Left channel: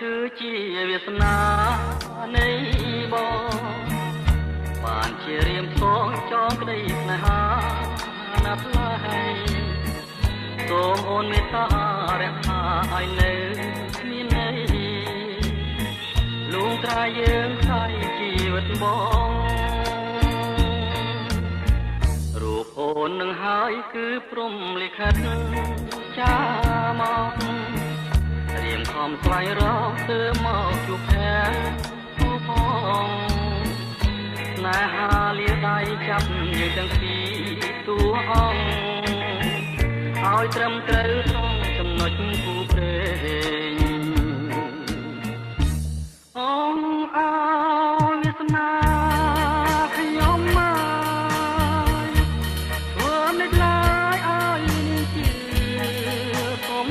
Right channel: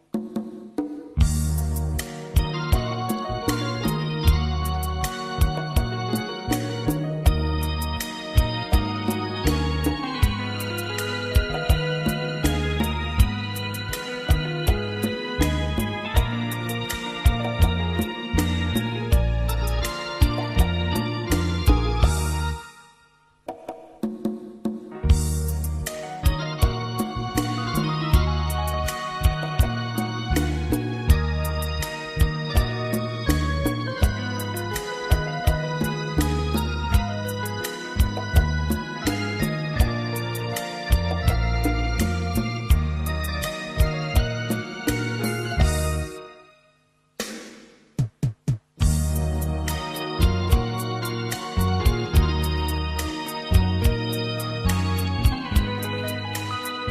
គឺជាវាសនានៃបងបានជារៀមផងចងក្តីស្នេហាណាស់ហើយសូមអូនមេត្តារក្សាឲ្យនៅមានន័យលួងត្រាយើងថាជីវិតបងរូបអូននឹងហើយគឺព្រំលិខិតចាមកស្វែងរកទៅមកជួបផ្ទះទូផងណែហាលាដៃចាប់យើងទាំងពីរតួអង្គឲ្យត្រឹមត្រូវចំណុចគូព្រេងអងអើវាសនាខ្ញុំមកធ្វើមិនឡើយឲ្យជាធំ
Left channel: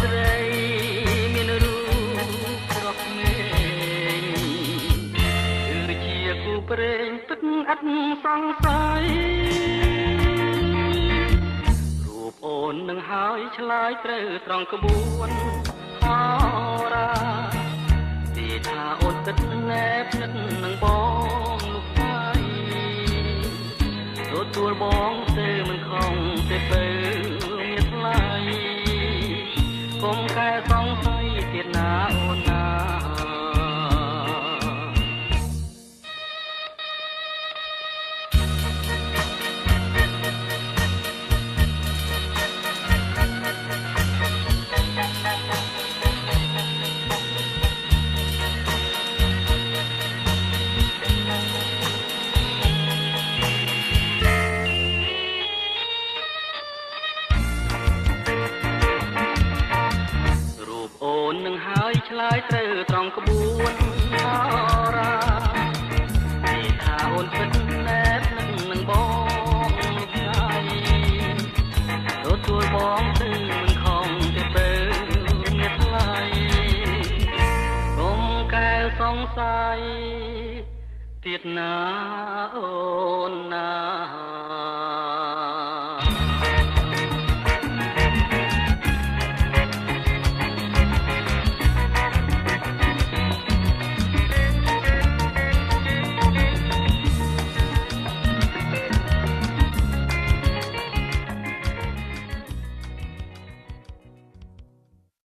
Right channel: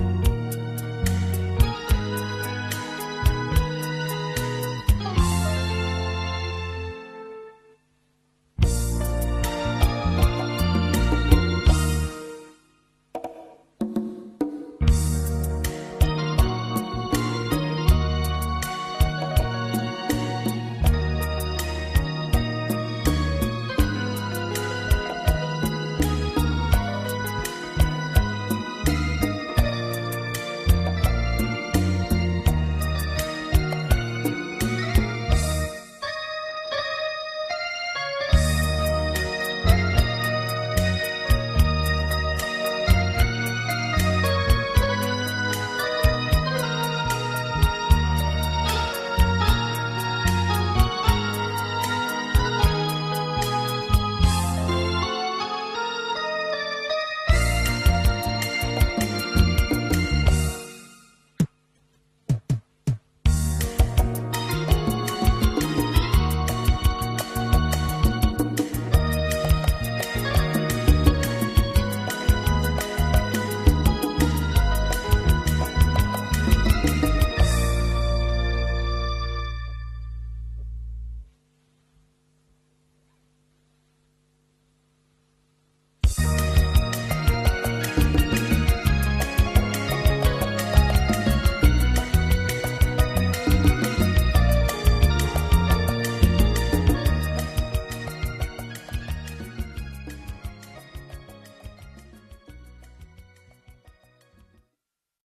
ស្រីមានរូបស្រស់ស្នេហ៍គឺជាគូព្រេងទឹកអត់សង្ស័យរូបអូននឹងហើយឆ្លើយត្រូវត្រង់ក្បួនអរាទីថាអូនទឹកណែបទឹកនឹងបងនោះហើយទទួលបងទៅមិនខំទេទៅមានថ្លៃឆ្លើយត្រូវត្រង់ក្បួនអរាទីថាអូនពិតណែបនឹងបងស្ដាយទទួលបងទៅខំទៅមានថ្លៃកុំកែសង្ស័យទៀតណាអូនណា